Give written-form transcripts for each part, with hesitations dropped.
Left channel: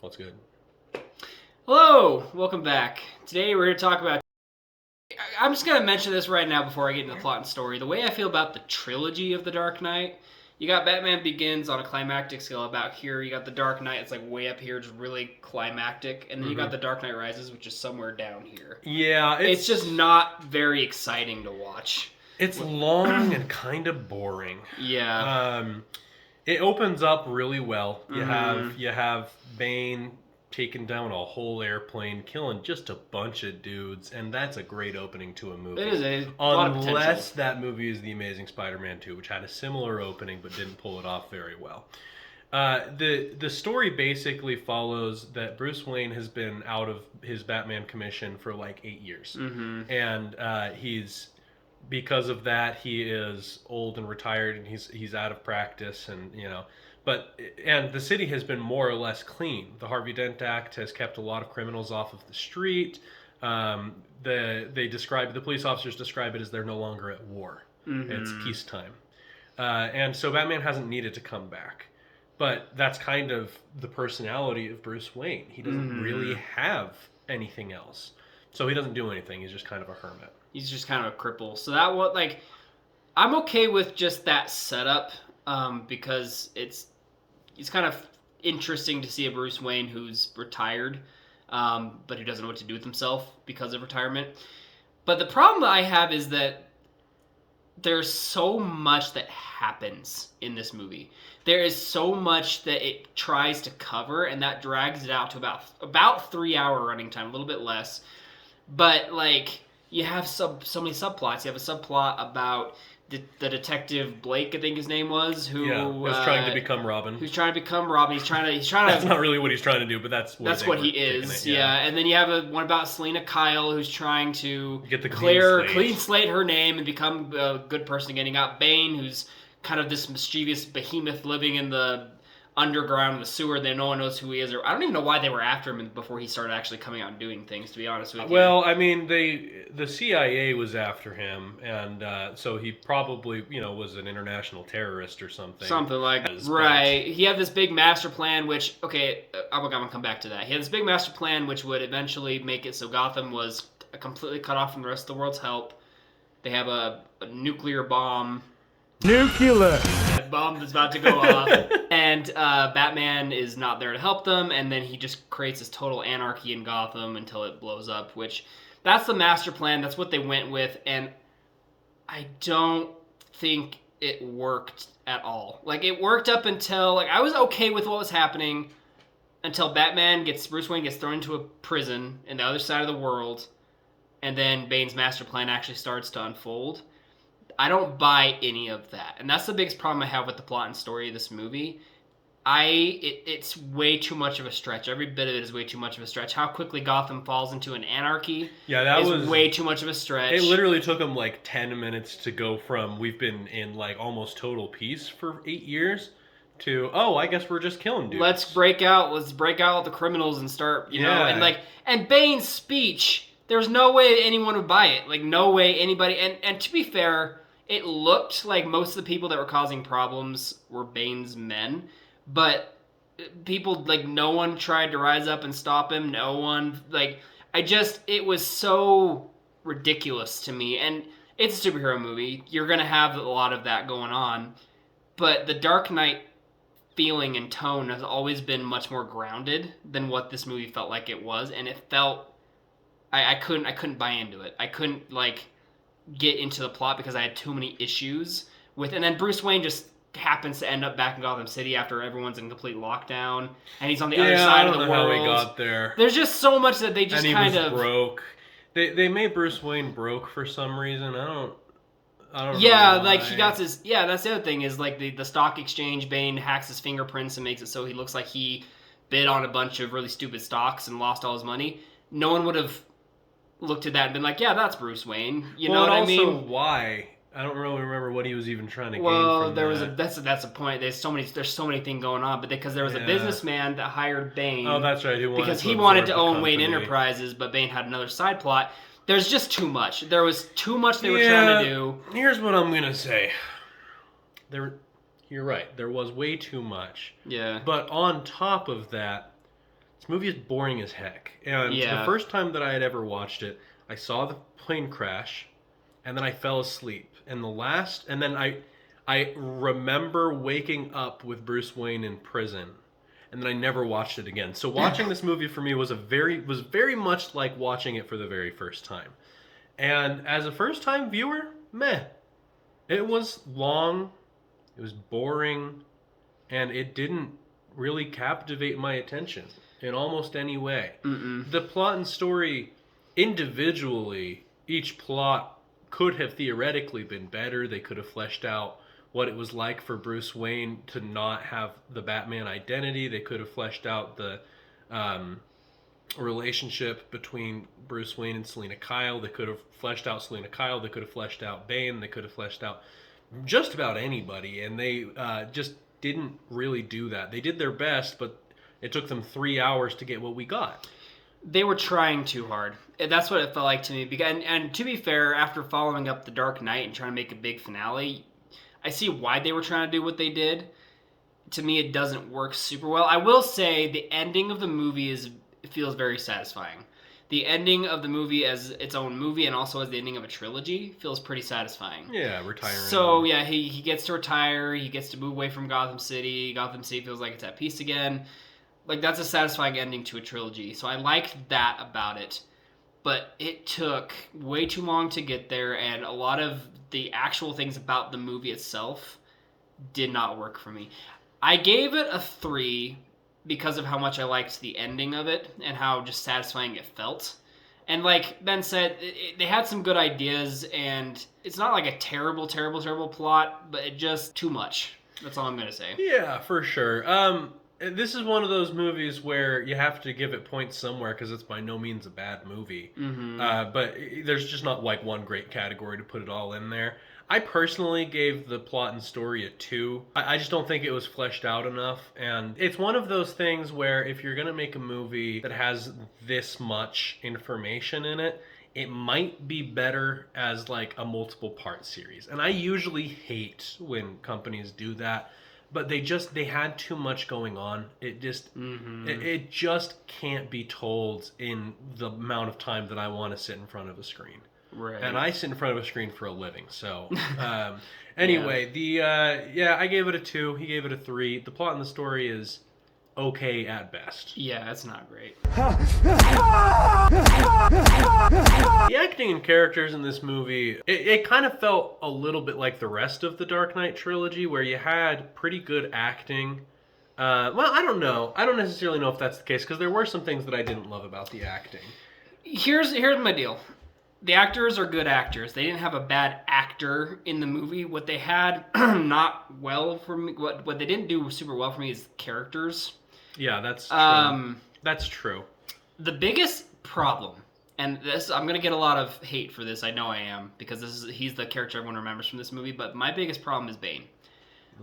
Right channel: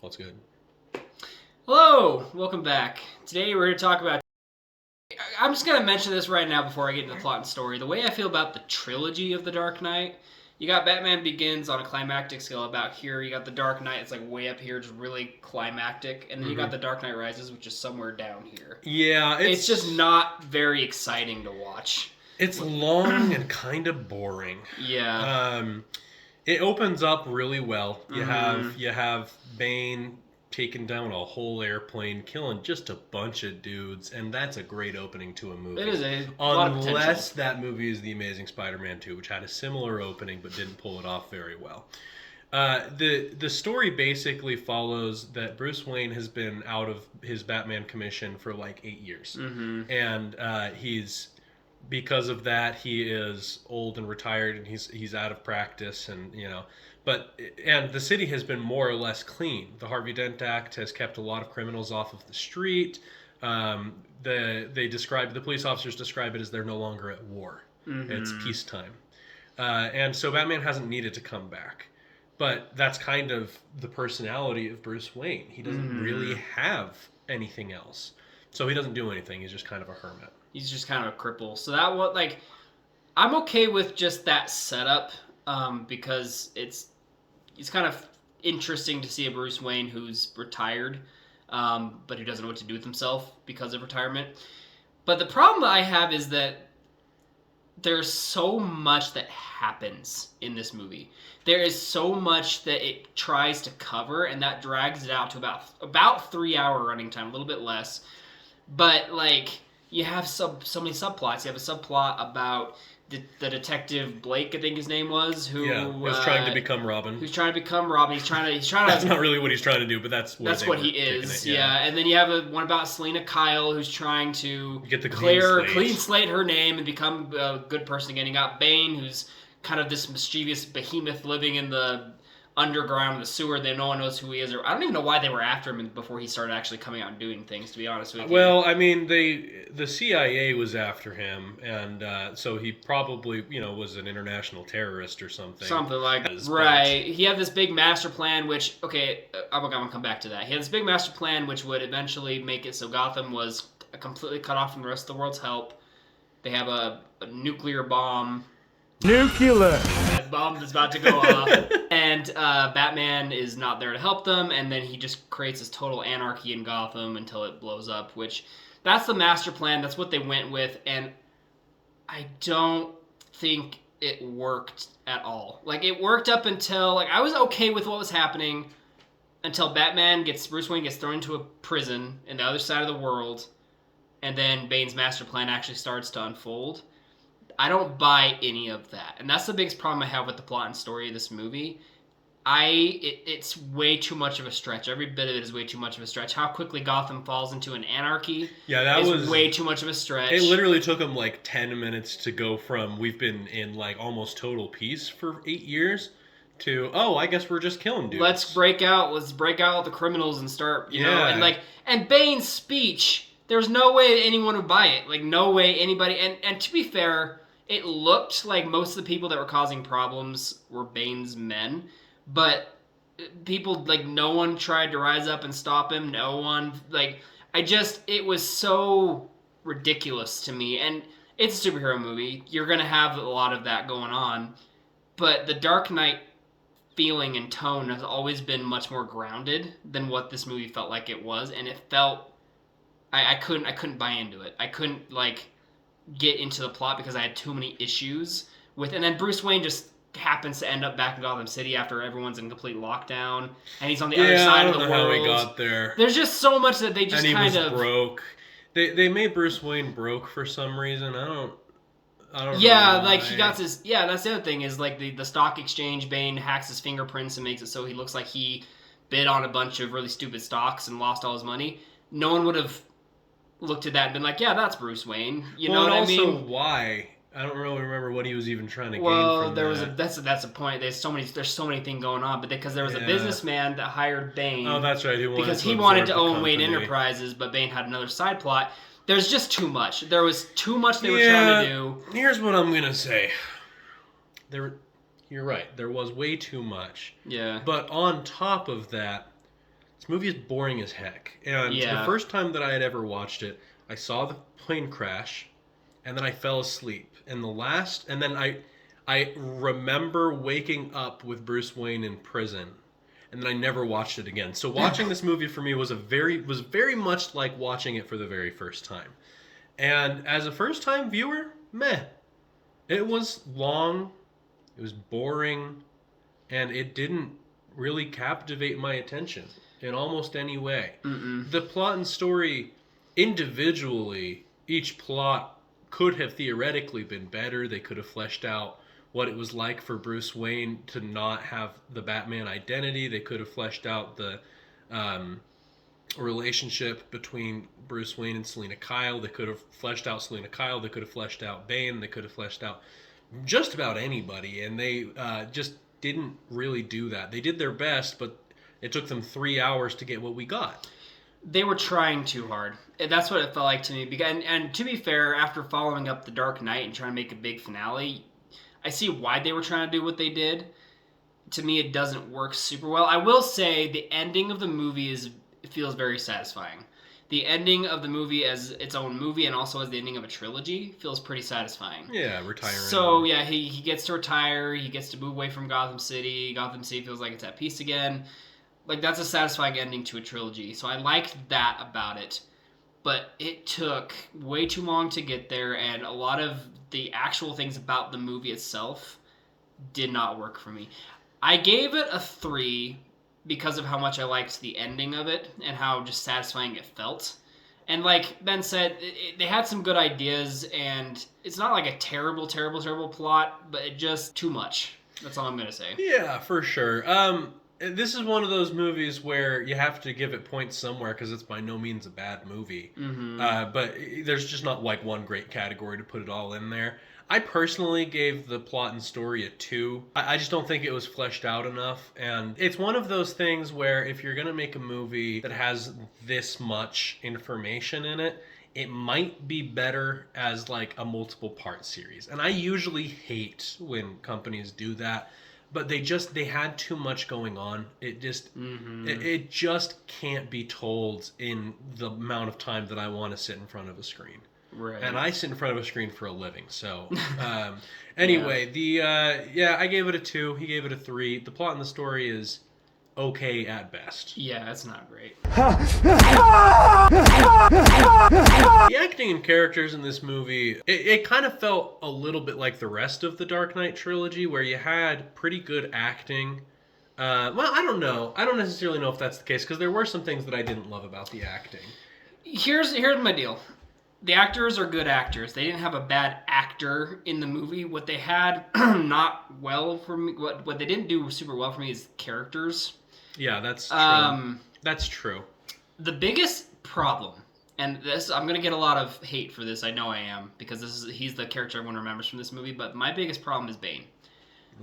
What's good? Hello, welcome back. Today we're going to talk about... I'm just going to mention this right now before I get into the plot and story. The way I feel about the trilogy of The Dark Knight, you got Batman Begins on a climactic scale about here. You got The Dark Knight, it's like way up here, just really climactic. And then you got The Dark Knight Rises, which is somewhere down here. Yeah, It's just not very exciting to watch. It's long and kind of boring. Yeah. It opens up really well. You have Bane taking down a whole airplane, killing just a bunch of dudes, and that's a great opening to a movie. It is a lot of potential. Unless that movie is The Amazing Spider-Man 2, which had a similar opening but didn't pull it off very well. The story basically follows that Bruce Wayne has been out of his Batman commission for like 8 years, and because of that he is old and retired, and he's out of practice, and and the city has been more or less clean. The Harvey Dent Act has kept a lot of criminals off of the street. The police officers describe it as they're no longer at war. It's peacetime, and so Batman hasn't needed to come back. But that's kind of the personality of Bruce Wayne. He doesn't really have anything else. So he doesn't do anything. He's just kind of a hermit. He's just kind of a cripple. So that what I'm okay with just that setup because it's kind of interesting to see a Bruce Wayne who's retired, but who doesn't know what to do with himself because of retirement. But the problem that I have is that there's so much that happens in this movie. There is so much that it tries to cover, and that drags it out to about 3 hour running time, a little bit less. But you have so many subplots. You have a subplot about the detective Blake, I think his name was, who was trying to become Robin. Who's trying to become Robin? He's trying to. That's not really what he's trying to do, but that's what he is. Yeah. And then you have one about Selena Kyle, who's trying to get the clean slate her name and become a good person again. You got Bane, who's kind of this mischievous behemoth living in the underground, the sewer. No one knows who he is. Or I don't even know why they were after him before he started actually coming out and doing things, to be honest with you. Well, I mean, the CIA was after him, and so he probably, was an international terrorist or something. Something like that. Right. He had this big master plan, which, okay, I'm going to come back to that. He had this big master plan, which would eventually make it so Gotham was completely cut off from the rest of the world's help. They have a nuclear bomb. Nuclear! Bomb that's about to go off, and Batman is not there to help them, and then he just creates this total anarchy in Gotham until it blows up, which that's the master plan. That's what they went with, and I don't think it worked at all. It worked up until, I was okay with what was happening until Bruce Wayne gets thrown into a prison in the other side of the world, and then Bane's master plan actually starts to unfold. I don't buy any of that. And that's the biggest problem I have with the plot and story of this movie. It's way too much of a stretch. Every bit of it is way too much of a stretch. How quickly Gotham falls into an anarchy is way too much of a stretch. It literally took them 10 minutes to go from we've been in almost total peace for 8 years to, I guess we're just killing dudes. Let's break out all the criminals and start, know, and Bane's speech, there's no way anyone would buy it. No way anybody, and to be fair, it looked like most of the people that were causing problems were Bane's men, but people, no one tried to rise up and stop him. No one, it was so ridiculous to me. And it's a superhero movie. You're going to have a lot of that going on. But the Dark Knight feeling and tone has always been much more grounded than what this movie felt like it was. And it felt, I couldn't buy into it. I couldn't, get into the plot because I had too many issues with, and then Bruce Wayne just happens to end up back in Gotham City after everyone's in complete lockdown, and he's on the other side of the world. How he got there. There's just so much that they just kind of broke. They made Bruce Wayne broke for some reason. I don't know. Yeah, he got his. Yeah, that's the other thing is the stock exchange. Bane hacks his fingerprints and makes it so he looks like he bid on a bunch of really stupid stocks and lost all his money. No one would have looked at that and been like, yeah, that's Bruce Wayne. You know what I mean? Also, why? I don't really remember what he was even trying to gain from that. That's a point. There's so many things going on, but because there was a businessman that hired Bane. Oh, that's right. He wanted to own Wayne Enterprises, but Bane had another side plot. There's just too much. There was too much they were trying to do. Here's what I'm gonna say. You're right. There was way too much. Yeah. But on top of that, this movie is boring as heck. And the first time that I had ever watched it, I saw the plane crash, and then I fell asleep. And then I remember waking up with Bruce Wayne in prison, and then I never watched it again. So watching this movie for me was very much like watching it for the very first time. And as a first time viewer, meh. It was long, it was boring, and it didn't really captivate my attention in almost any way. The plot and story individually, each plot could have theoretically been better. They could have fleshed out what it was like for Bruce Wayne to not have the Batman identity. They could have fleshed out the relationship between Bruce Wayne and Selina Kyle. They could have fleshed out Selina Kyle. They could have fleshed out Bane. They could have fleshed out just about anybody, and they just didn't really do that. They did their best, but it took them 3 hours to get what we got. They were trying too hard. That's what it felt like to me. And to be fair, after following up The Dark Knight and trying to make a big finale, I see why they were trying to do what they did. To me, it doesn't work super well. I will say the ending of the movie feels very satisfying. The ending of the movie as its own movie and also as the ending of a trilogy feels pretty satisfying. Yeah, retiring. So, yeah, he gets to retire. He gets to move away from Gotham City. Gotham City feels like it's at peace again. Like, that's a satisfying ending to a trilogy. So I liked that about it. But it took way too long to get there, and a lot of the actual things about the movie itself did not work for me. I gave it a 3 because of how much I liked the ending of it and how just satisfying it felt. And like Ben said, they had some good ideas, and it's not like a terrible plot, but it just too much. That's all I'm going to say. Yeah, for sure. This is one of those movies where you have to give it points somewhere because it's by no means a bad movie. But there's just not like one great category to put it all in there. I personally gave the plot and story a 2. I just don't think it was fleshed out enough. And it's one of those things where if you're going to make a movie that has this much information in it, it might be better as like a multiple part series. And I usually hate when companies do that. But they had too much going on. It just it just can't be told in the amount of time that I want to sit in front of a screen. Right. And I sit in front of a screen for a living. So anyway, I gave it a 2. He gave it a 3. The plot and the story is okay at best. Yeah, that's not great. The acting and characters in this movie, it kind of felt a little bit like the rest of the Dark Knight trilogy, where you had pretty good acting. Well, I don't know. I don't necessarily know if that's the case, because there were some things that I didn't love about the acting. Here's my deal. The actors are good actors. They didn't have a bad actor in the movie. What they had not well for me, what they didn't do super well for me is characters. Yeah, that's true. That's true. The biggest problem, and this I'm gonna get a lot of hate for this. I know I am, because he's the character everyone remembers from this movie. But my biggest problem is Bane.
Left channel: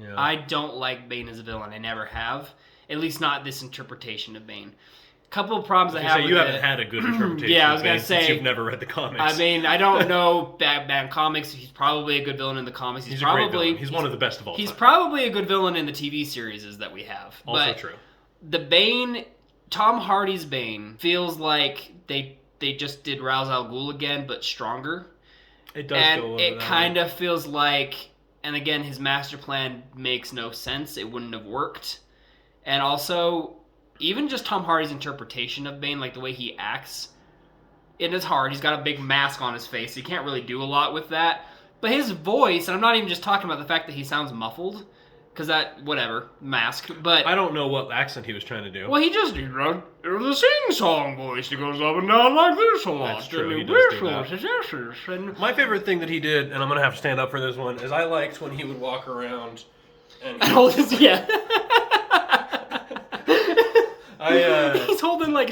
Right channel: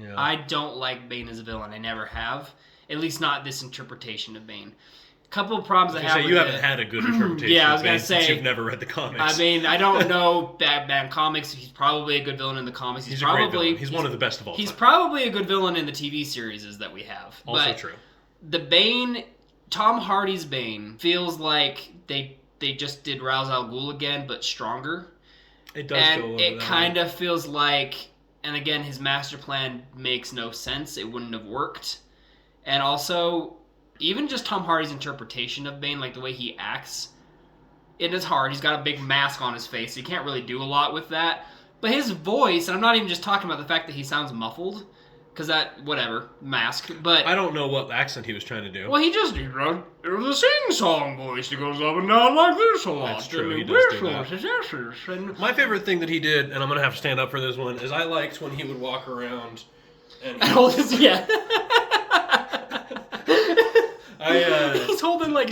Yeah. I don't like Bane as a villain. I never have. At least not this interpretation of Bane. Couple of problems I have. You haven't had a good interpretation. Yeah, I was gonna say, since you've never read the comics. I mean, I don't know Batman comics. He's probably a good villain in the comics. He's probably a great villain. He's one of the best of all time. He's probably a good villain in the TV series that we have. Also true. The Bane, Tom Hardy's Bane, feels like they just did Ra's al Ghul again, but stronger. It does go over that. It kind of feels like, and again, his master plan makes no sense. It wouldn't have worked. And also, even just Tom Hardy's interpretation of Bane, like the way he acts, it is hard. He's got a big mask on his face. So he can't really do a lot with that. But his voice, and I'm not even just talking about the fact that he sounds muffled, because that, whatever, mask. But I don't know what accent he was trying to do. Well, he just did the sing-song voice that goes up and down like this a lot. That's true, he does do that. My favorite thing that he did, and I'm going to have to stand up for this one, is I liked when he would walk around and... yeah. He's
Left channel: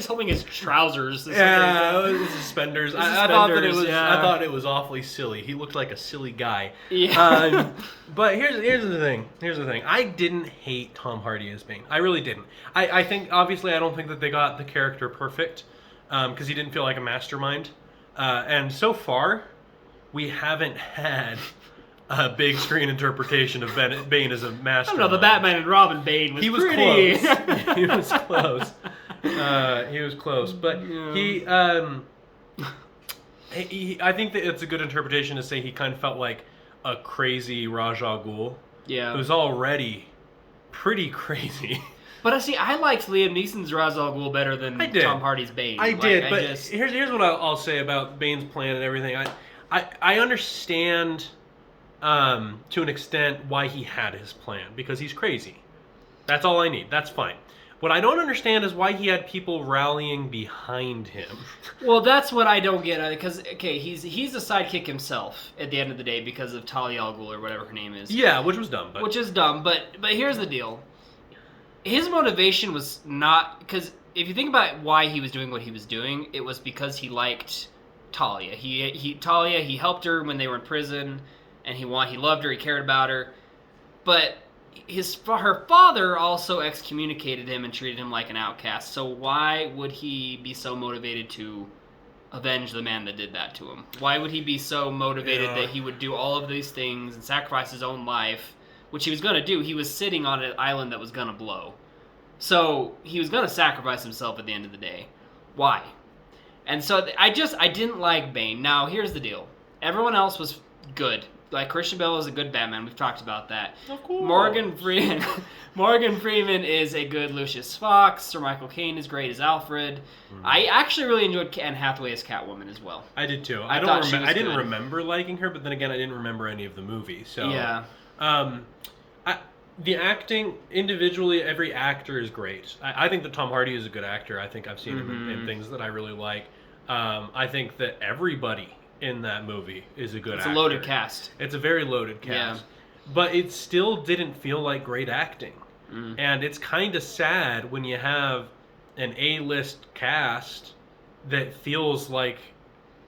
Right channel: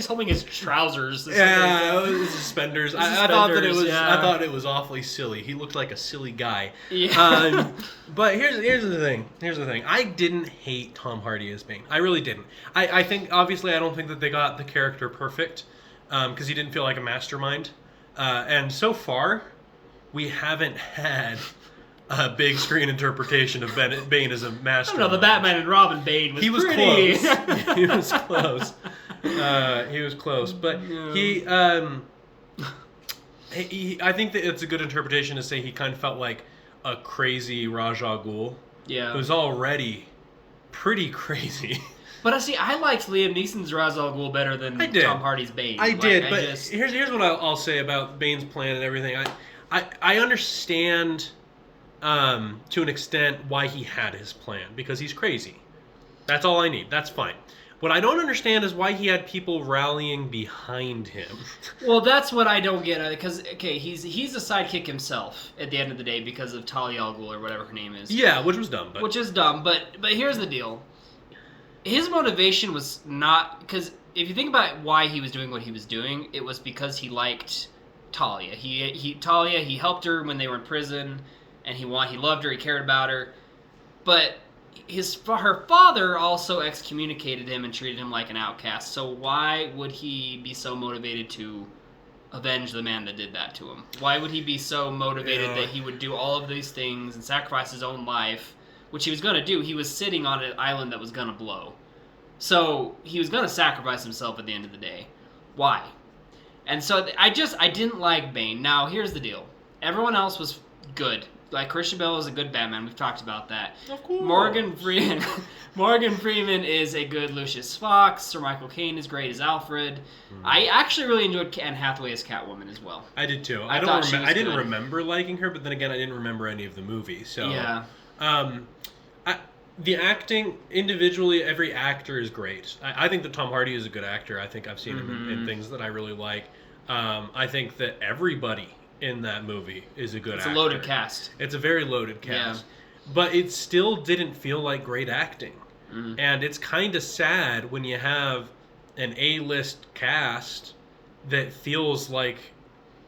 holding his trousers. Yeah, his suspenders. I thought it was awfully silly. He looked like a silly guy. Yeah. But here's the thing. I didn't hate Tom Hardy as Bane. I really didn't. I think, obviously, I don't think that they got the character perfect, because he didn't feel like a mastermind. And so far, we haven't had a big screen interpretation of Bane as a mastermind. I don't know, the Batman and Robin Bane was pretty... Close. He was close. He was close, but I think that it's a good interpretation to say he kind of felt like a crazy Ra's al Ghul. Yeah. Who's already pretty crazy. But see, I liked Liam Neeson's Ra's al Ghul better than Tom Hardy's Bane. I did, but here's what I'll say about Bane's plan and everything. I understand to an extent why he had his plan, because he's crazy. That's all I need. That's fine. What I don't understand is why he had people rallying behind him. Well, that's what I don't get, because he's a sidekick himself at the end of the day because of Talia al Ghul or whatever her name is. Yeah, which was dumb. Which is dumb, but here's the deal. His motivation was not, because if you think about why he was doing what he was doing, it was because he liked Talia. He helped her when they were in prison, and he loved her, he cared about her, but her father also excommunicated him and treated him like an outcast. So why would he be so motivated to avenge the man that did that to him? Why would he be so motivated that he would do all of these things and sacrifice his own life, which he was going to do? He was sitting on an island that was going to blow. So he was going to sacrifice himself at the end of the day. Why? And so I didn't like Bane. Now, here's the deal. Everyone else was good. Like, Christian Bale is a good Batman. We've talked about that. Oh, cool. Morgan Freeman is a good Lucius Fox. Sir Michael Caine is great as Alfred. I actually really enjoyed Anne Hathaway as Catwoman as well. I did too. I didn't remember liking her, but then again, I didn't remember any of the movies. So yeah. The acting individually, every actor is great. I think that Tom Hardy is a good actor. I think I've seen him in things that I really like. I think that everybody in that movie is a good actor. It's a loaded cast. It's a very loaded cast. Yeah. But it still didn't feel like great acting. And it's kind of sad when you have an A-list cast that feels like,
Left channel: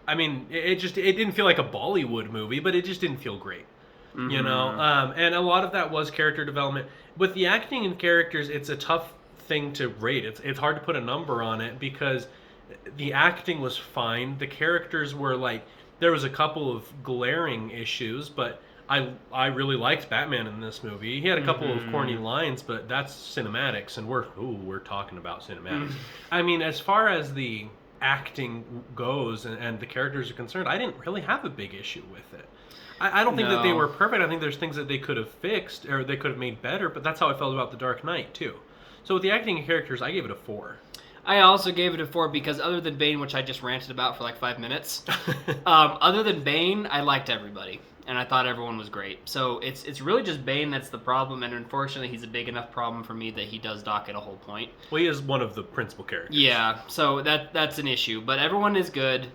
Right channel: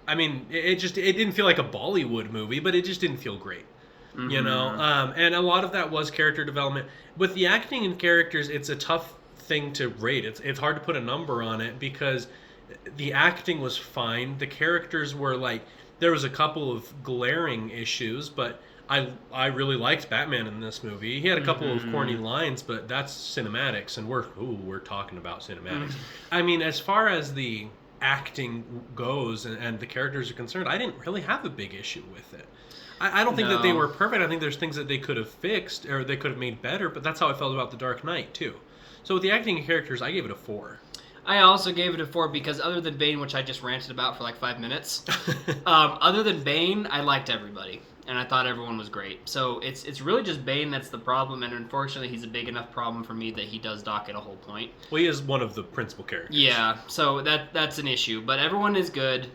I mean, it didn't feel like a Bollywood movie, but it just didn't feel great. You know? And a lot of that was character development. With the acting and characters, it's a tough thing to rate. It's hard to put a number on it because the acting was fine. The characters were like, there was a couple of glaring issues, but I really liked Batman in this movie. He had a couple of corny lines, but that's cinematics, and we're talking about cinematics. I mean, as far as the acting goes and the characters are concerned, I didn't really have a big issue with it. I don't think that they were perfect. I think there's things that they could have fixed or they could have made better, but that's how I felt about The Dark Knight, too. So with the acting and characters, I gave it a 4. I also gave it a 4 because other than Bane, which I just ranted about for like 5 minutes, other than Bane, I liked everybody. And I thought everyone was great. So it's really just Bane that's the problem, and unfortunately he's a big enough problem for me that he does dock at a whole point. Well, he is one of the principal characters. Yeah, so that's an issue. But everyone is good.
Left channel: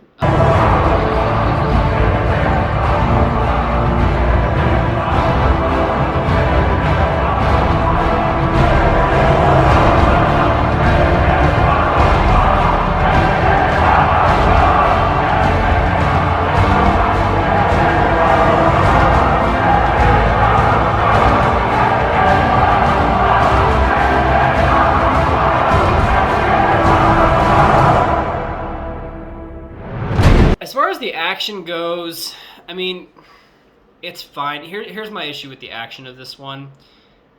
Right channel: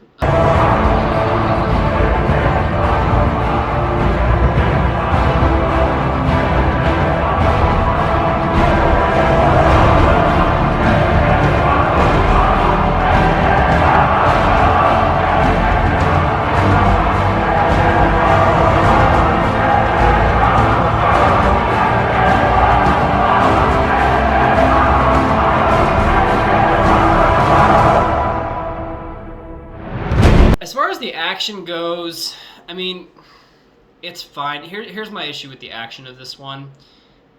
As far as the action goes, I mean, it's fine. Here's my issue with the action of this one.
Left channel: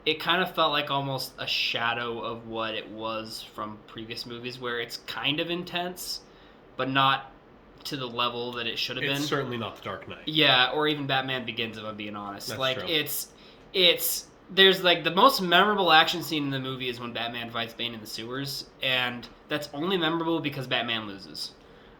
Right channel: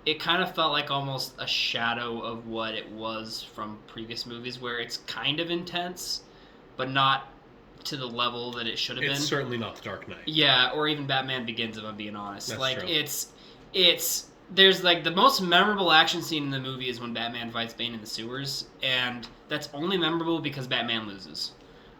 It kind of felt like almost a shadow of what it was from previous movies, where it's kind of intense, but not to the level that it should have been. It's certainly not The Dark Knight. Yeah, or even Batman Begins, if I'm being honest. That's like, true. There's like the most memorable action scene in the movie is when Batman fights Bane in the sewers, and that's only memorable because Batman loses.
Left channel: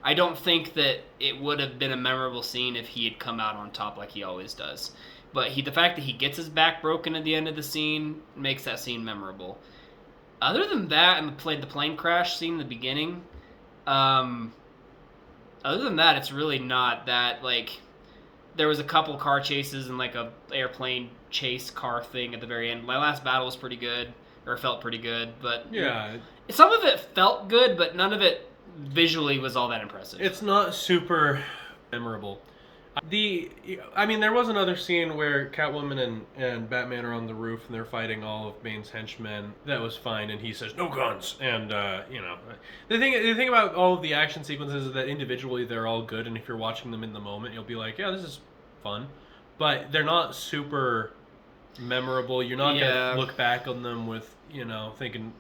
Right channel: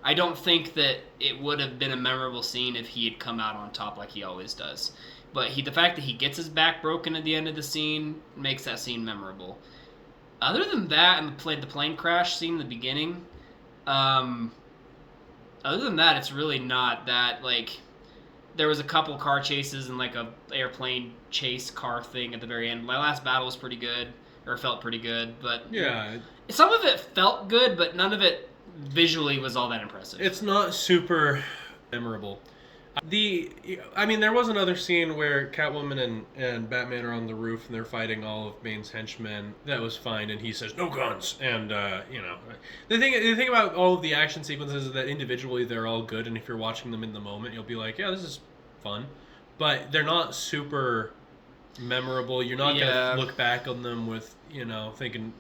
I don't think that it would have been a memorable scene if he had come out on top like he always does. But the fact that he gets his back broken at the end of the scene makes that scene memorable. Other than that, and the plane crash scene in the beginning, other than that, it's really not that, like, there was a couple car chases and like a airplane chase car thing at the very end. My last battle was pretty good, or felt pretty good, but yeah, some of it felt good, but none of it visually was all that impressive. It's not super memorable. There was another scene where Catwoman and Batman are on the roof and they're fighting all of Bane's henchmen. That was fine, and he says, "No guns." And the thing about all of the action sequences is that individually they're all good, and if you're watching them in the moment, you'll be like, "Yeah, this is fun," but they're not super memorable. You're not gonna look back on them with thinking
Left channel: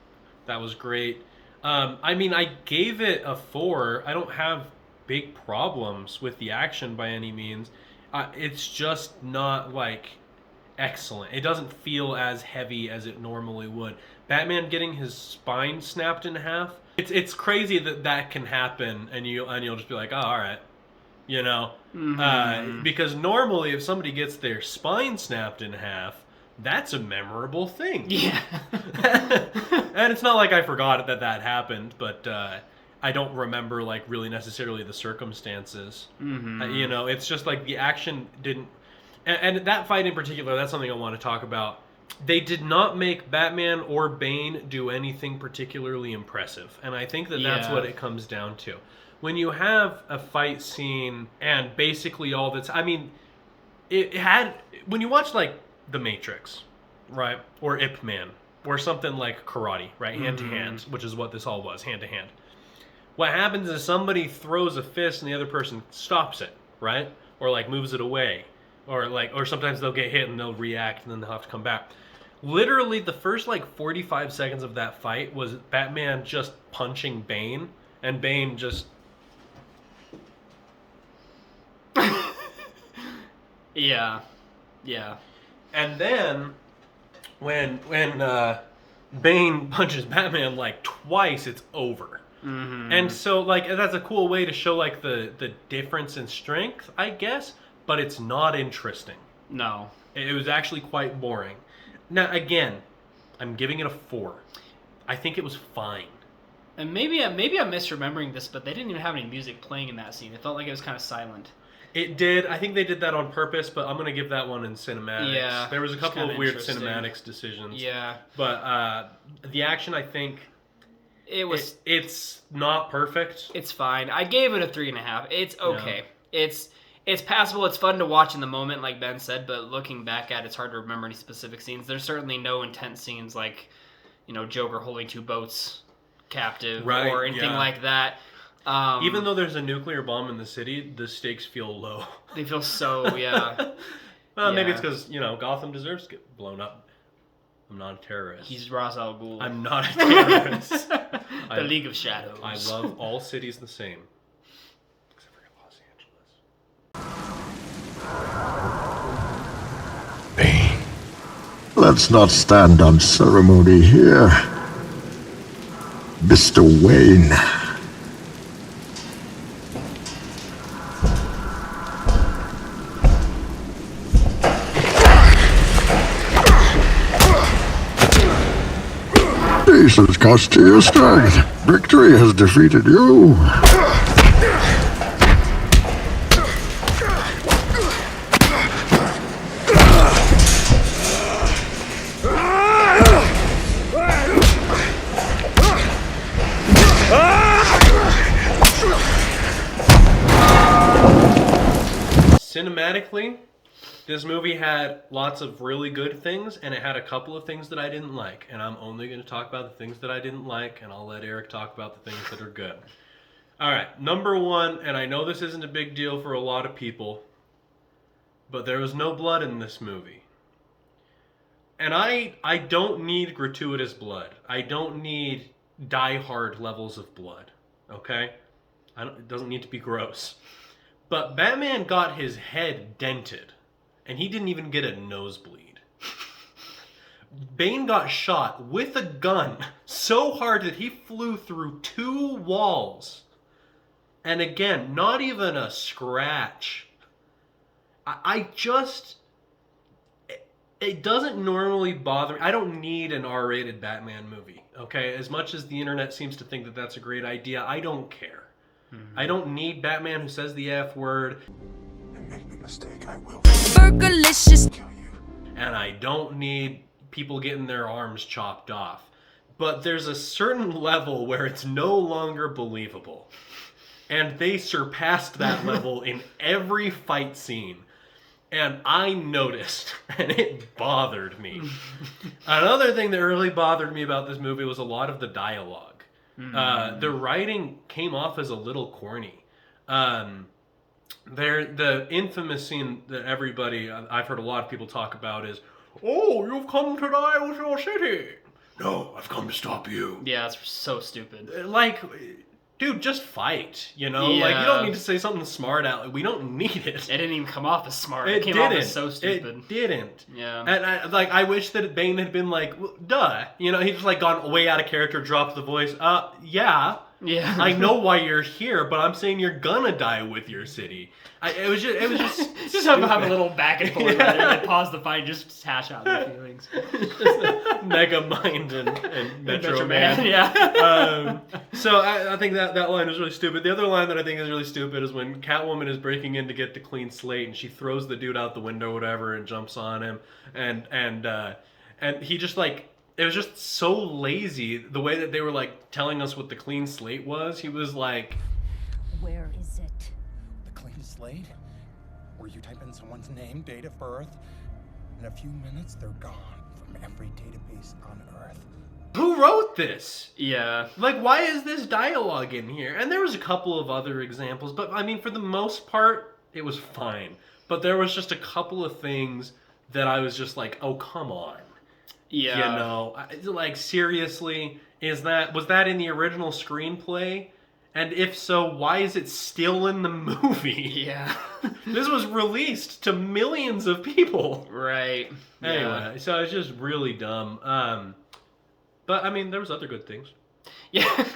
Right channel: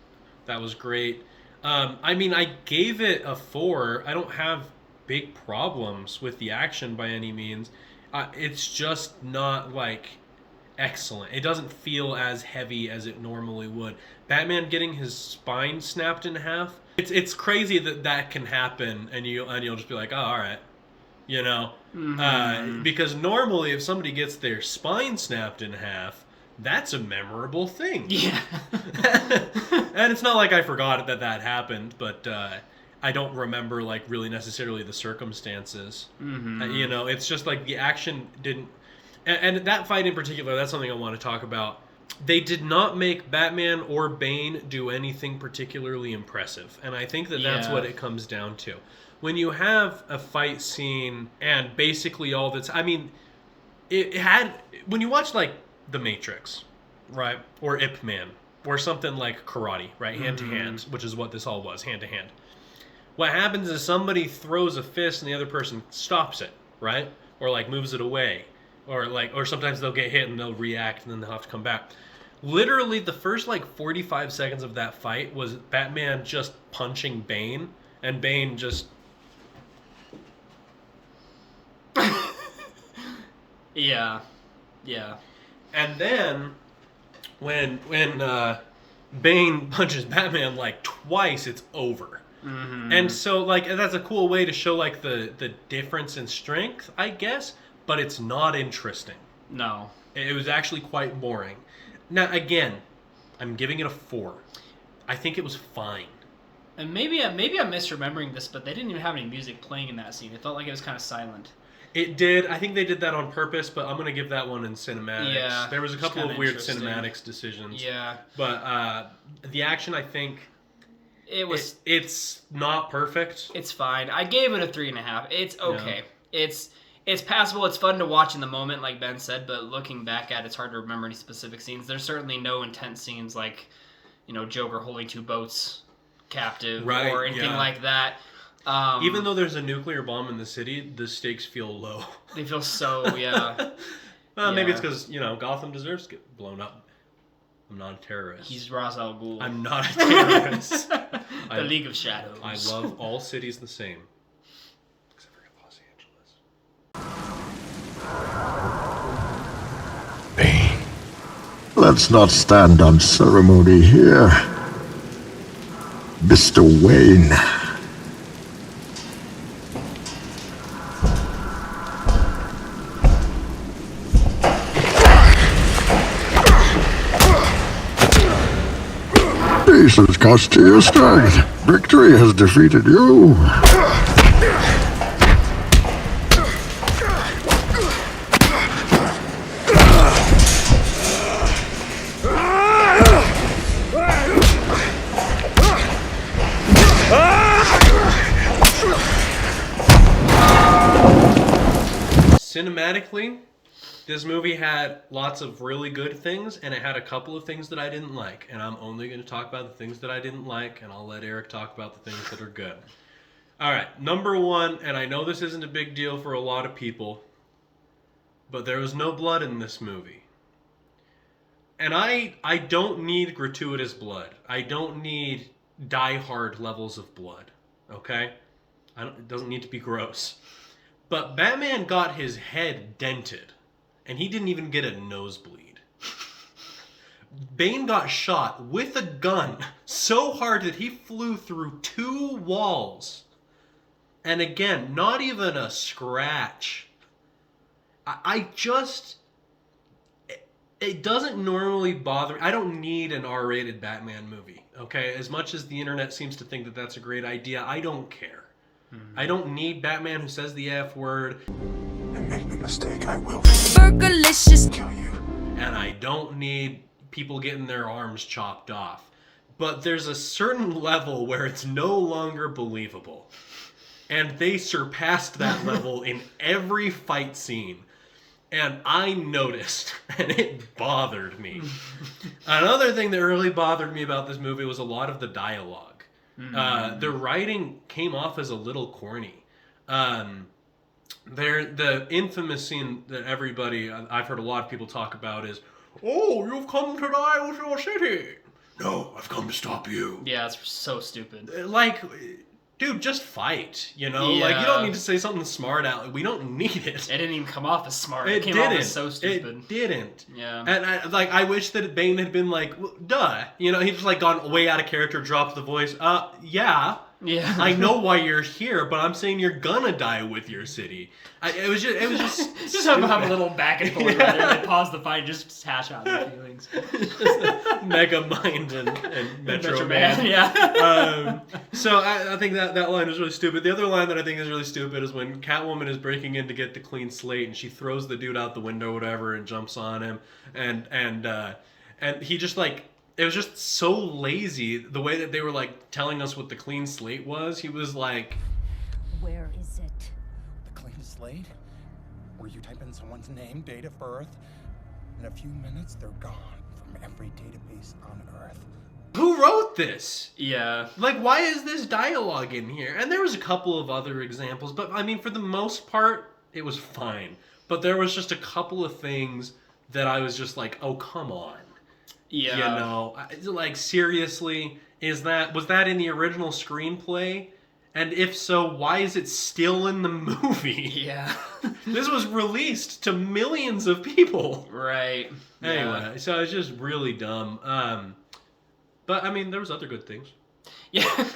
that was great. I mean, I gave it a 4. I don't have big problems with the action by any means. It's just not like excellent. It doesn't feel as heavy as it normally would. Batman getting his spine snapped in half. It's crazy that that can happen, and you'll just be like, oh, all right, you know, because normally if somebody gets their spine snapped in half, that's a memorable thing. Yeah. And it's not like I forgot that happened, but I don't remember like really necessarily the circumstances. You know, it's just like the action didn't. And that fight in particular, that's something I want to talk about. They did not make Batman or Bane do anything particularly impressive, and I think that's what it comes down to. When you have a fight scene and basically all that's, I mean, it had, when you watch like The Matrix, right, or Ip Man, or something like karate, right, hand to hand, which is what this all was, hand to hand. What happens is somebody throws a fist and the other person stops it, right, or like moves it away, or sometimes they'll get hit and they'll react and then they'll have to come back. Literally, the first like 45 seconds of that fight was Batman just punching Bane, and Bane just. Yeah. And then when Bane punches Batman like twice, it's over. And so like that's a cool way to show like the difference in strength, I guess, but it's not interesting. No. It was actually quite boring. Now again, I'm giving it a 4. I think it was fine. And maybe I'm misremembering this, but they didn't even have any music playing in that scene. It felt like it was kind of silent. It did. I think they did that on purpose, but I'm going to give that one in cinematics. Yeah, there was a couple of weird cinematics decisions. Yeah. But the action, I think, it's not perfect. It's fine. I gave it a 3.5. It's okay. Yeah. It's passable. It's fun to watch in the moment, like Ben said, but looking back at it, it's hard to remember any specific scenes. There's certainly no intense scenes like, you know, Joker holding 2 boats captive or anything like that. Even though there's a nuclear bomb in the city, the stakes feel low. They feel so, Well, maybe it's because, you know, Gotham deserves to get blown up. I'm not a terrorist. He's Ra's al Ghul. I'm not a terrorist. The League of Shadows. I love all cities the same. Except for Los Angeles. Bane. Let's not stand on ceremony here. Mr. Wayne. Jesus cost you your strength. Victory has defeated you. Cinematically, this movie had lots of really good things, and it had a couple of things that I didn't like. And I'm only going to talk about the things that I didn't like, and I'll let Eric talk about the things that are good. All right, number 1, and I know this isn't a big deal for a lot of people, but there was no blood in this movie. And I don't need gratuitous blood. I don't need die-hard levels of blood, okay? It doesn't need to be gross. But Batman got his head dented, and he didn't even get a nosebleed. Bane got shot with a gun so hard that he flew through 2 walls. And again, not even a scratch. It doesn't normally bother me. I don't need an R-rated Batman movie, okay? As much as the internet seems to think that that's a great idea, I don't care. I don't need Batman who says the F word. And make no mistake, I will Burgerlicious. kill you. And I don't need people getting their arms chopped off. But there's a certain level where it's no longer believable. And they surpassed that level in every fight scene. And I noticed, and it bothered me. Another thing that really bothered me about this movie was a lot of the dialogue. The writing came off as a little corny. The infamous scene that everybody, I've heard a lot of people talk about is, "Oh, you've come to die with your city. no, I've come to stop you. Yeah, it's so stupid. Like, dude, just fight, you know? Like, you don't need to say something smart out. We don't need it. It didn't even come off as smart. It came didn't. off as so stupid. It didn't. Yeah. And I wish that Bane had been like, well, duh. You know, he's just like gone way out of character, dropped the voice. Yeah. Yeah. I know why you're here, but I'm saying you're gonna die with your city. It was just just have a little back and forth. Yeah. They pause the fight, just hash out their feelings. Mega Mind and Metro Man. Yeah. So I think that line is really stupid. The other line that I think is really stupid is when Catwoman is breaking in to get the clean slate and she throws the dude out the window or whatever and jumps on him and he just like, it was just so lazy the way that they were like telling us what the clean slate was. He was like, where is it? The clean slate? Where you type in someone's name, date of birth, in a few minutes they're gone from every database on Earth. who wrote this? Yeah. Like, why is this dialogue in here? And there was a couple of other examples, but I mean, for the most part, it was fine. But there was just a couple of things that I was just like, oh, come on. Yeah. You know, like, seriously, was that in the original screenplay? And if so, why is it still in the movie? Yeah. This was released to millions of people. Right. Anyway, so it's just really dumb. But I mean, there was other good things. Yeah.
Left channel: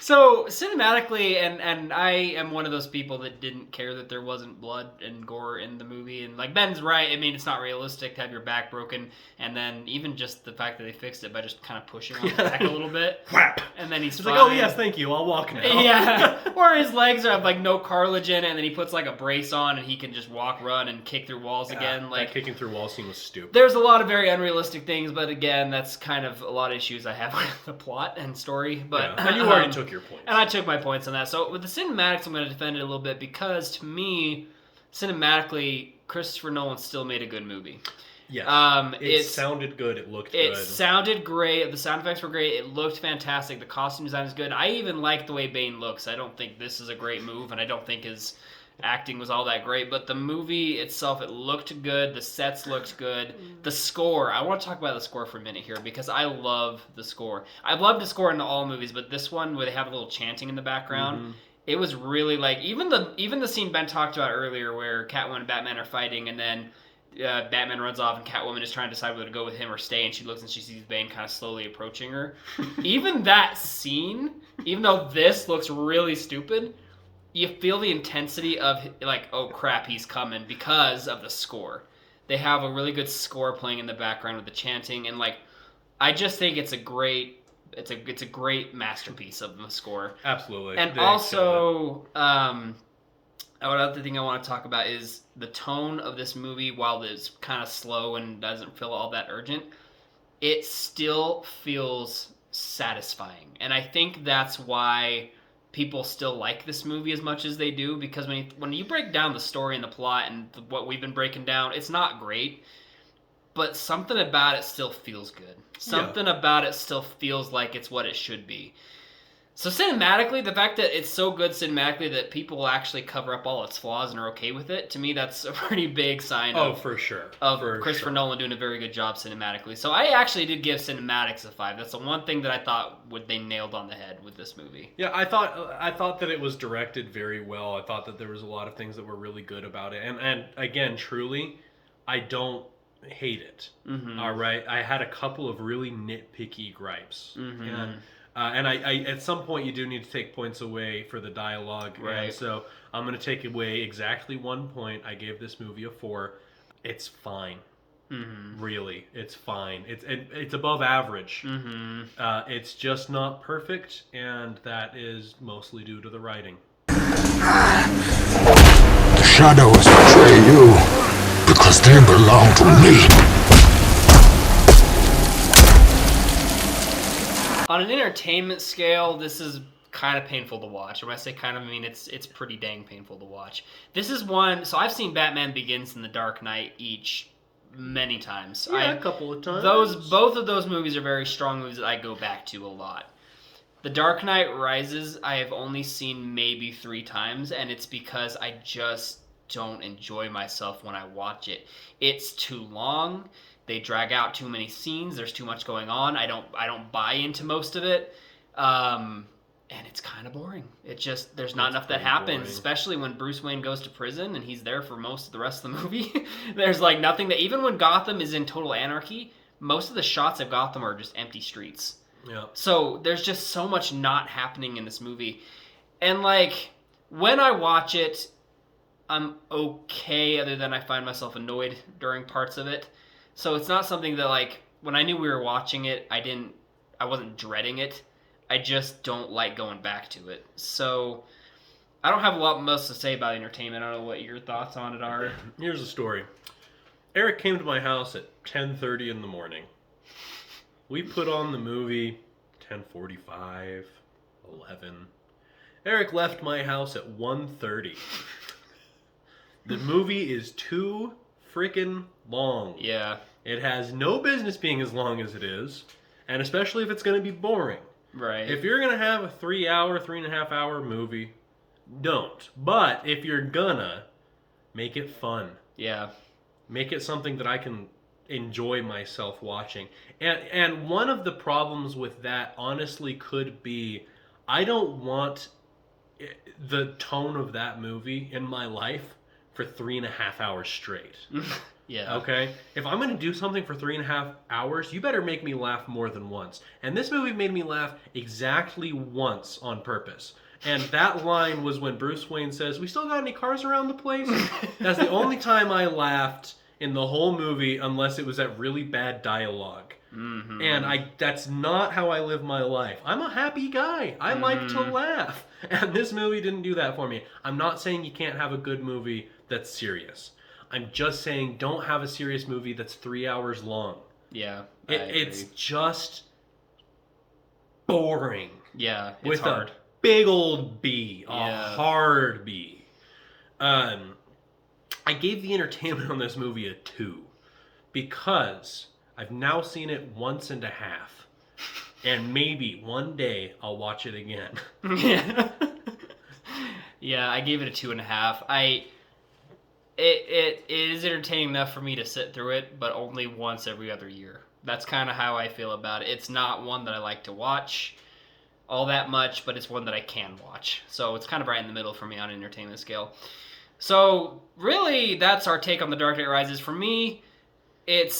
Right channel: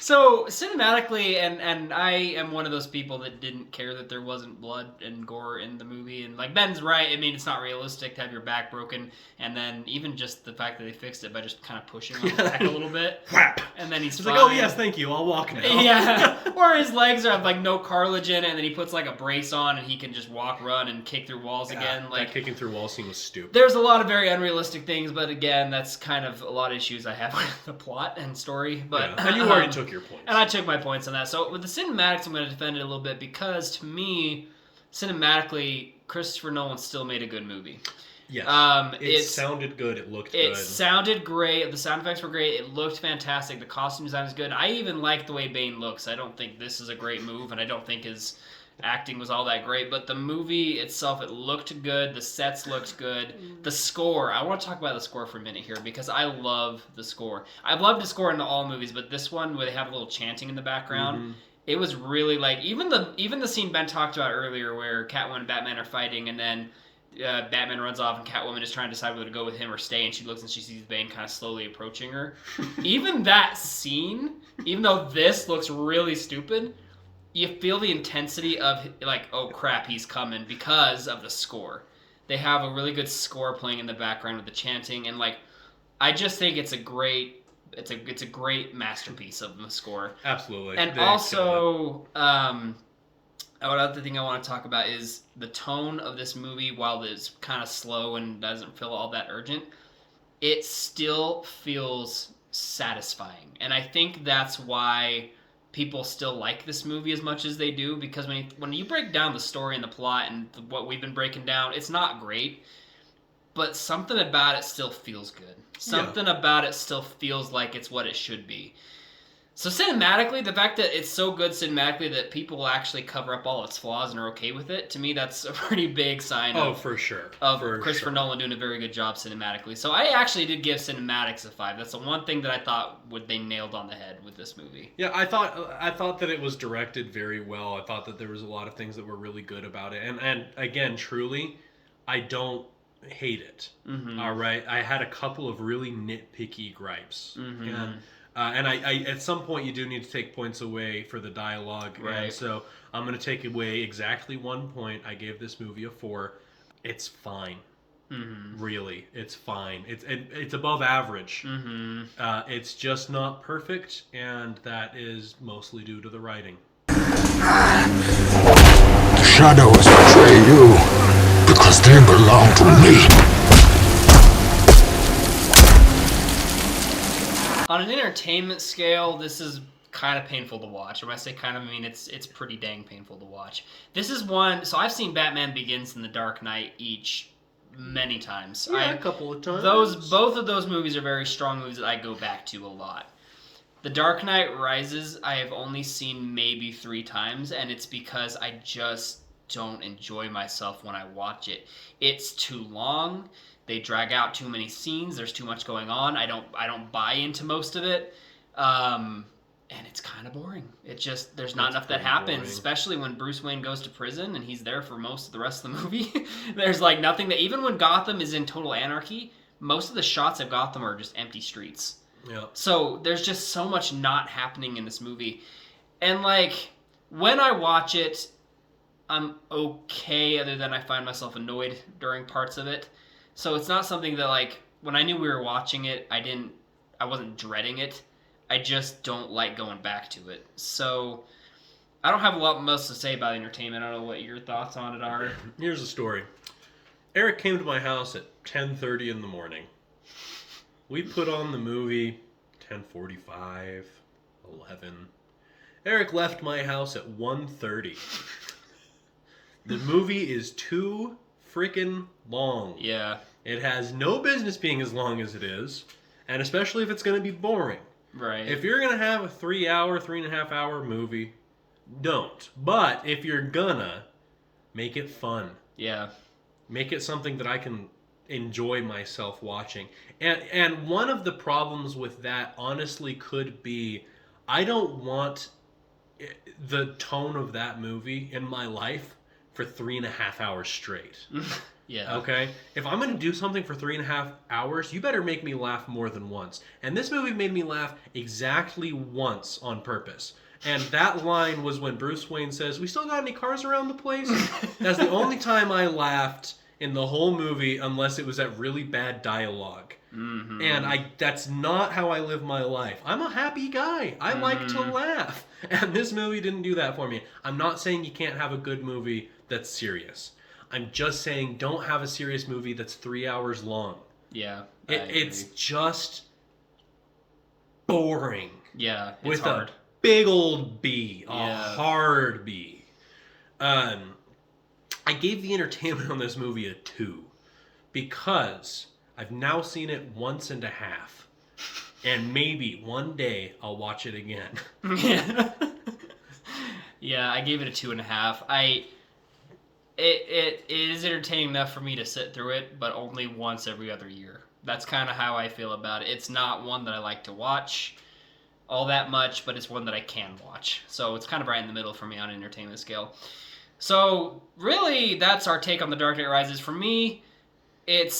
So cinematically, and I am one of those people that didn't care that there wasn't blood and gore in the movie. And like Ben's right. I mean, it's not realistic to have your back broken, and then even just the fact that they fixed it by just kind of pushing on his back a little bit. Whap. And then he's like, oh yes, thank you. I'll walk now. Yeah. Or his legs have like no cartilage in it, and then he puts like a brace on, and he can just walk, run, and kick through walls again. Like that kicking through walls scene was stupid. There's a lot of very unrealistic things, but again, that's kind of a lot of issues I have with the plot and story. But yeah. And you already took your points. And I took my points on that. So with the cinematics, I'm going to defend it a little bit because to me, cinematically, Christopher Nolan still made a good movie. Yes. It sounded good. It looked good. It sounded great. The sound effects were great. It looked fantastic. The costume design is good. I even like the way Bane looks. I don't think this is a great move, and I don't think his acting was all that great. But the movie itself, it looked good. The sets looked good. The score. I want to talk about the score for a minute here because I love the score. I've loved the score in all movies, but this one where they have a little chanting in the background, it was really like even the scene Ben talked about earlier where Catwoman and Batman are fighting, and then Batman runs off and Catwoman is trying to decide whether to go with him or stay, and she looks and she sees Bane kind of slowly approaching her. Even that scene, even though this looks really stupid, you feel the intensity of like, oh crap, he's coming because of the score. They have a really good score playing in the background with the chanting, and like, I just think it's a great masterpiece of the score. Absolutely. And also, another thing I want to talk about is the tone of this movie. While it's kind of slow and doesn't feel all that urgent, it still feels satisfying. And I think that's why people still like this movie as much as they do, because when you break down the story and the plot and what we've been breaking down, it's not great, but something about it still feels good. Something about it still feels like it's what it should be. So cinematically, the fact that it's so good cinematically that people actually cover up all its flaws and are okay with it, to me, that's a pretty big sign of Christopher Nolan doing a very good job cinematically. So I actually did give cinematics a 5. That's the one thing that I thought they nailed on the head with this movie. Yeah, I thought that it was directed very well. I thought that there was a lot of things that were really good about it. And again, truly, I don't hate it. All right? I had a couple of really nitpicky gripes. And I at some point you do need to take points away for the dialogue. Right. And so I'm going to take away exactly 1 point. I gave this movie a 4. It's fine. Really, it's fine. It's above average. It's just not perfect, and that is mostly due to the writing. The shadows betray you because they belong to me. On an entertainment scale, this is kind of painful to watch. And when I say kind of, I mean it's pretty dang painful to watch. This is one. So I've seen Batman Begins and The Dark Knight each many times. Yeah, a couple of times. Both of those movies are very strong movies that I go back to a lot. The Dark Knight Rises, I have only seen maybe 3 times, and it's because I just don't enjoy myself when I watch it. It's too long. They drag out too many scenes. There's too much going on. I don't buy into most of it. And it's kind of boring. It just, there's not enough that happens, boring. Especially when Bruce Wayne goes to prison and he's there for most of the rest of the movie. There's like nothing that, even when Gotham is in total anarchy, most of the shots of Gotham are just empty streets. Yeah. So there's just so much not happening in this movie. And like, when I watch it, I'm okay, other than I find myself annoyed during parts of it. So it's not something that, like, when I knew we were watching it, I wasn't dreading it. I just don't like going back to it. So I don't have a lot most to say about entertainment. I don't know what your thoughts on it are. Here's the story. Eric came to my house at 10:30 in the morning. We put on the movie 10:45, 11. Eric left my house at 1:30. The movie is too freaking long. Yeah. It has no business being as long as it is, and especially if it's going to be boring. Right. If you're going to have a 3.5 hour movie, don't. But if you're gonna, make it fun. Yeah. Make it something that I can enjoy myself watching. And one of the problems with that honestly could be, I don't want the tone of that movie in my life for 3.5 hours straight. Yeah. Okay? If I'm going to do something for 3.5 hours, you better make me laugh more than once. And this movie made me laugh exactly once on purpose. And that line was when Bruce Wayne says, "We still got any cars around the place?" That's the only time I laughed in the whole movie, unless it was that really bad dialogue. Mm-hmm. And that's not how I live my life. I'm a happy guy. I like to laugh. And this movie didn't do that for me. I'm not saying you can't have a good movie that's serious. I'm just saying don't have a serious movie that's 3 hours long. Yeah. It's just boring. Yeah, it's with hard. A big old B. Yeah. A hard B. I gave the entertainment on this movie a 2 because I've now seen it once and a half. And maybe one day I'll watch it again. Yeah, I gave it a 2.5. It is entertaining enough for me to sit through it, but only once every other year. That's kind of how I feel about it. It's not one that I like to watch all that much, but it's one that I can watch. So it's kind of right in the middle for me on an entertainment scale. So really, that's our take on The Dark Knight Rises. For me, it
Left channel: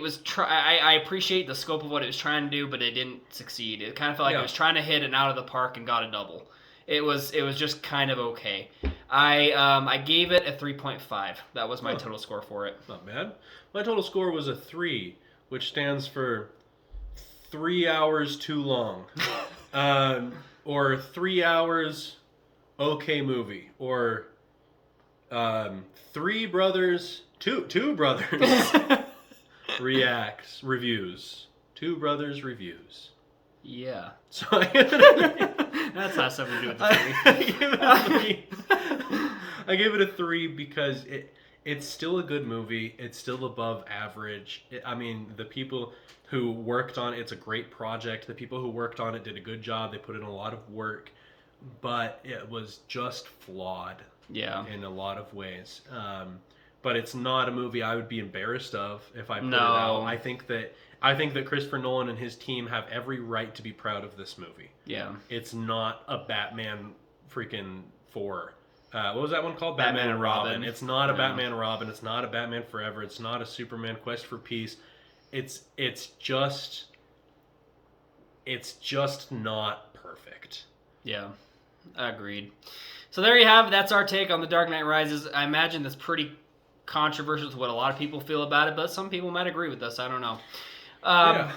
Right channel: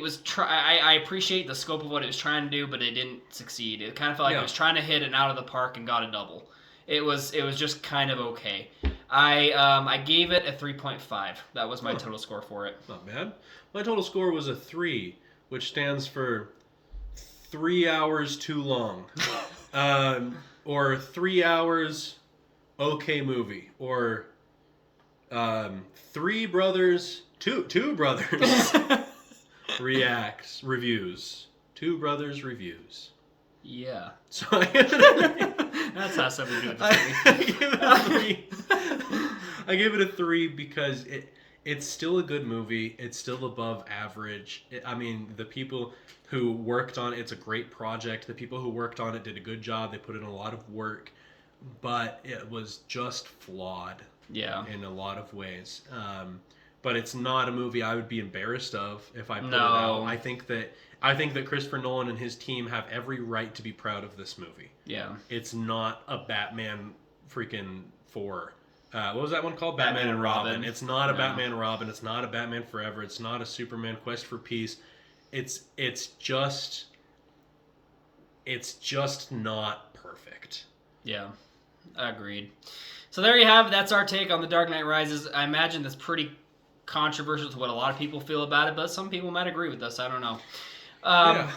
was I appreciate the scope of what it was trying to do, but it didn't succeed. It kind of felt like it was trying to hit an out of the park and got a double. It was just kind of okay. I gave it a 3.5. That was my total score for it. Not bad. My total score was a 3, which stands for 3 hours too long. Or 3 hours okay movie. Or two brothers reviews. Two brothers reviews. Yeah. So that's not something to do with the movie. I give it a 3 because it's still a good movie. It's still above average. I mean, the people who worked on it, it's a great project. The people who worked on it did a good job. They put in a lot of work, but it was just flawed. Yeah. In a lot of ways. But it's not a movie I would be embarrassed of if I put it out. I think that Christopher Nolan and his team have every right to be proud of this movie. Yeah. It's not a Batman freaking 4. What was that one called? Batman and Robin. It's not a Batman and Robin. It's not a Batman Forever. It's not a Superman Quest for Peace. It's just not perfect. Yeah. Agreed. So there you have it. That's our take on The Dark Knight Rises. I imagine that's pretty controversial to what a lot of people feel about it, but some people might agree with us. I don't know.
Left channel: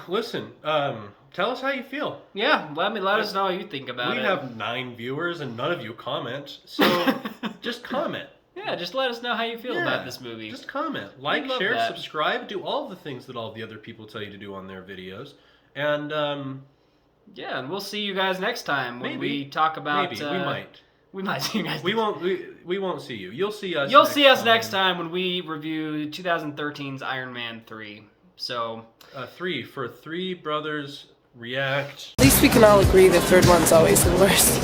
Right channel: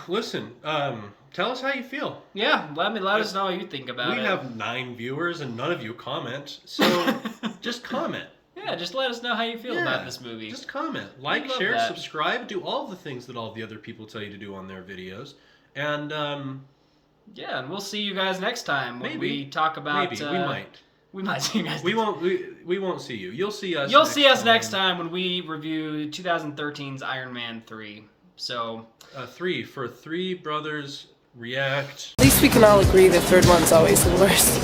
Listen, tell us how you feel. Yeah, let us know how you think about it. We have 9 viewers and none of you comment, so just comment. Yeah, just let us know how you feel about this movie. Just comment. Like, share, subscribe, do all the things that all the other people tell you to do on their videos. And, yeah, and we'll see you guys next time when we talk about... Maybe, we might. We might see you guys. We won't see you. You'll see us. You'll see us next time when we review 2013's Iron Man 3. So 3 for Three Brothers React. At least we can all agree the third one's always the worst.